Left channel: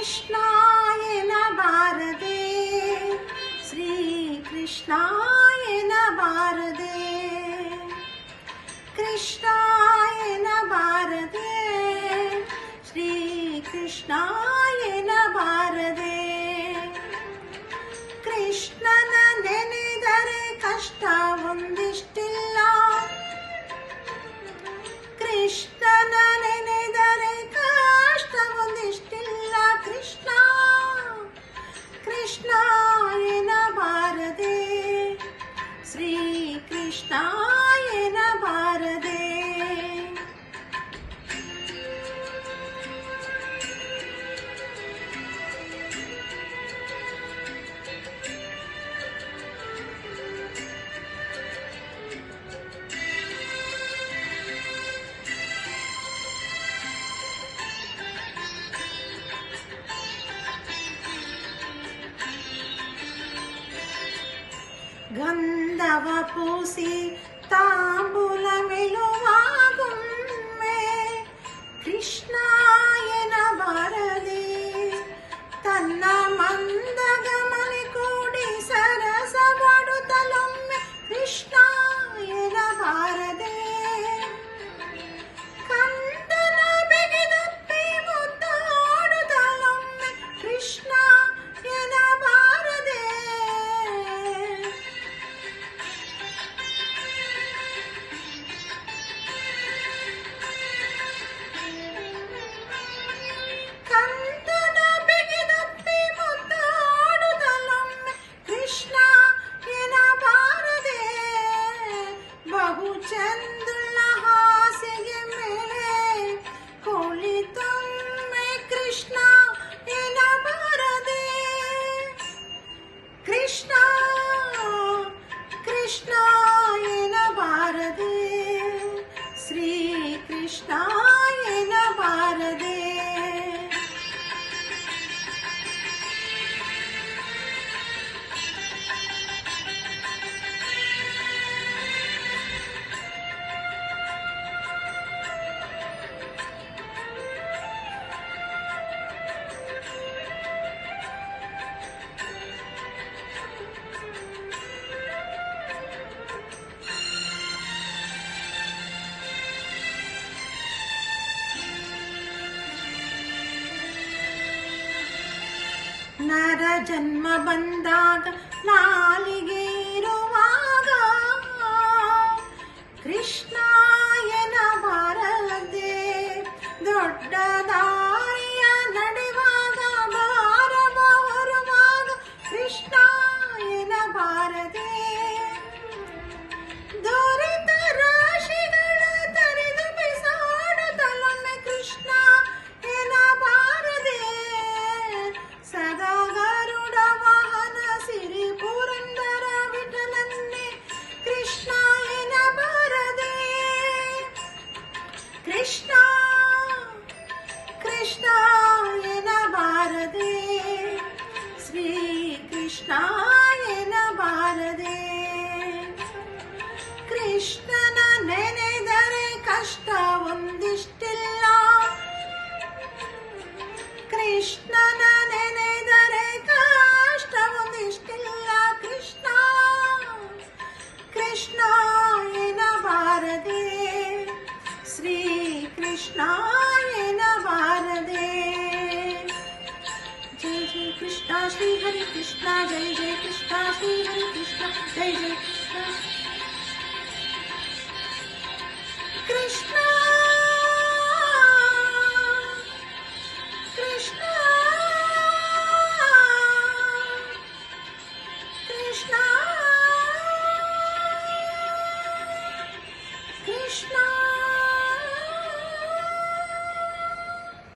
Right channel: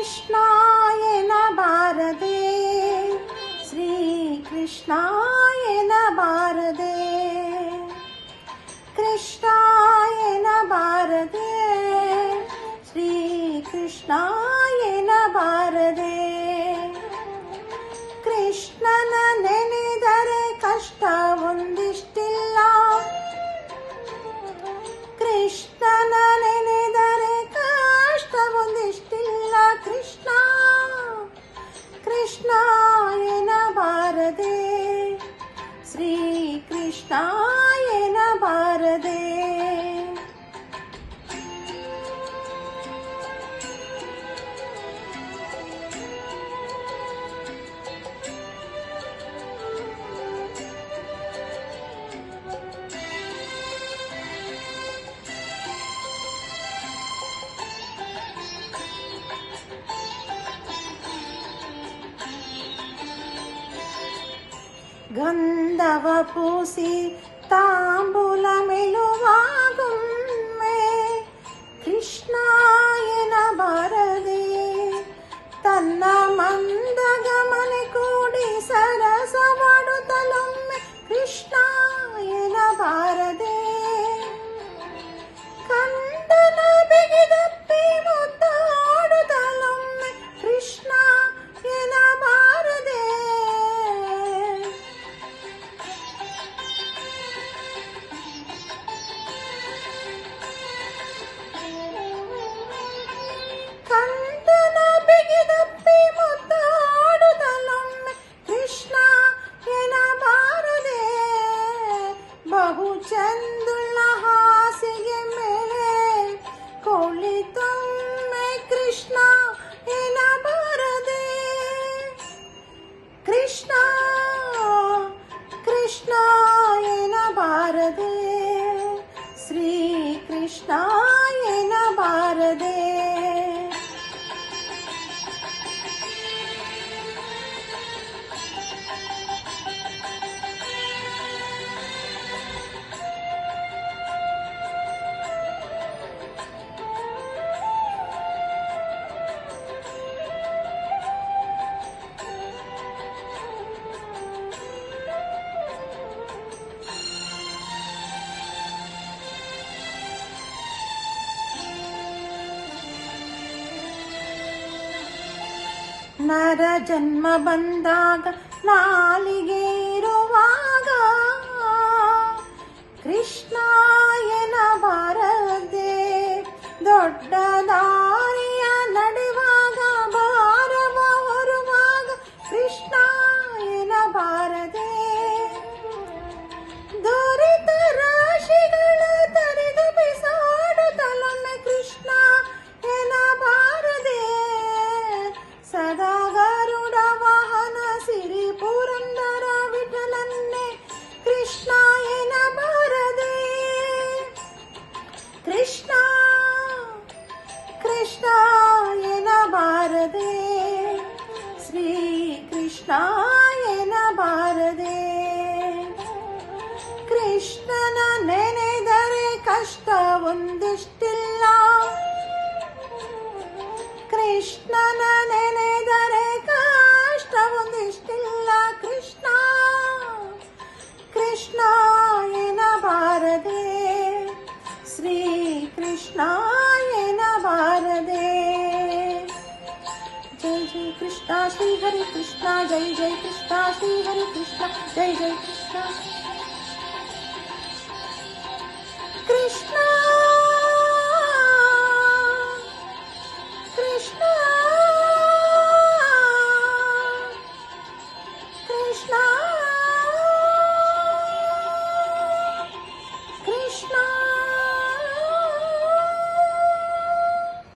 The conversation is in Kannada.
ಕೃಷ್ಣ ಎನ್ನಬಾರದೆ, ಶ್ರೀ ಕೃಷ್ಣ ಎನ್ನಬಾರದೆ, ಕೃಷ್ಣ ಎನ್ನಬಾರದೆ, ಶ್ರೀ ಕೃಷ್ಣ ಎನ್ನಬಾರದೆ. ಕೃಷ್ಣನ ನೆನೆದರೆ ಕಷ್ಟ ಒಂದಿಷ್ಟಿಲ್ಲ, ಕೃಷ್ಣನ ನೆನೆದರೆ ಕಷ್ಟ ಒಂದಿಷ್ಟಿಲ್ಲ. ಕೃಷ್ಣ ಕೃಷ್ಣ ಎನ್ನಬಾರದೆ, ಶ್ರೀ ಕೃಷ್ಣ ಎನ್ನಬಾರದೆ. ಗಂಧವ ಪೂಸಿ ತಾಂಬೂಲ ಮೆಲುವಾಗೊಮ್ಮೆ ಕೃಷ್ಣ ಎನ್ನಬಾರದೆ, ತನ್ನ ಮಂದಗಮನೆ ಕೂಡಿ ಸರಸವಾಡುತ್ತಲೊಮ್ಮೆ ಕೃಷ್ಣ ಎನ್ನಬಾರದೆ. ಕಂದನ ಬಿಗಿದಪ್ಪಿ ಮುದ್ದಾಡುತ್ತಲೊಮ್ಮೆ ಕೃಷ್ಣ ಎನ್ನಬಾರದೆ. ಕಂದನ ಬಿಗಿದಪ್ಪಿ ಮುದ್ದಾಡುತ್ತಲೊಮ್ಮೆ ಕೃಷ್ಣ ಎನ್ನಬಾರದೆ. ಬಹು ಚಂದುಳ್ಳ ಹಾಸಿಗೆ ಮೇಲೆ ಕುಳಿತೊಮ್ಮೆ ಕೃಷ್ಣ ಎನ್ನಬಾರದೆ. ಕೃಷ್ಣ ಕೃಷ್ಣ ಎನ್ನಬಾರದೆ, ಶ್ರೀ ಕೃಷ್ಣ ಎನ್ನಬಾರದೆ. ನರ ಜನ್ಮ ಬಂದಾಗ ನಾಲಿಗೆ ಇರುವಾಗ ಕೃಷ್ಣ ಎನ್ನಬಾರದೆ. ದೊಡ್ಡ ದಾರಿಯ ನಡೆಯುವಾಗ ಭಾರವ ಹೊರುವಾಗ ಕೃಷ್ಣ ಎನ್ನಬಾರದೆ. ದೊರೆತ ರಾಶಿಗಳ ತರಿದು ಬಿಸಾಡುತ್ತಲೊಮ್ಮೆ ಕೃಷ್ಣ ಎನ್ನಬಾರದೆ. ಸದಾ ಗರುಡ ವಾಹನ ಸಿರಿ ಪುರಂದರ ವಿಠಲನ್ನೇ ಕೃಷ್ಣ ಎನ್ನಬಾರದೆ. ಕೃಷ್ಣ ಕೃಷ್ಣ ಎನ್ನಬಾರದೆ, ಶ್ರೀ ಕೃಷ್ಣ ಎನ್ನಬಾರದೆ. ಕೃಷ್ಣನ ನೆನೆದರೆ ಕಷ್ಟ ಒಂದಿಷ್ಟಿಲ್ಲ, ಕೃಷ್ಣನ ನೆನೆದರೆ ಕಷ್ಟ ಒಂದಿಷ್ಟಿಲ್ಲ. ಕೃಷ್ಣ ಕೃಷ್ಣ ಎನ್ನಬಾರದೆ, ಶ್ರೀ ಕೃಷ್ಣ ಎನ್ನಬಾರದೆ. ಜೈ ಜೈ ಕೃಷ್ಣ ಶ್ರೀ ಹರಿ ಕೃಷ್ಣ, ಜೈ ಜೈ ಕೃಷ್ಣ ಶ್ರೀ ಹರಿ ಕೃಷ್ಣ, ಜೈ ಜೈ ಕೃಷ್ಣ ಕೃಷ್ಣ.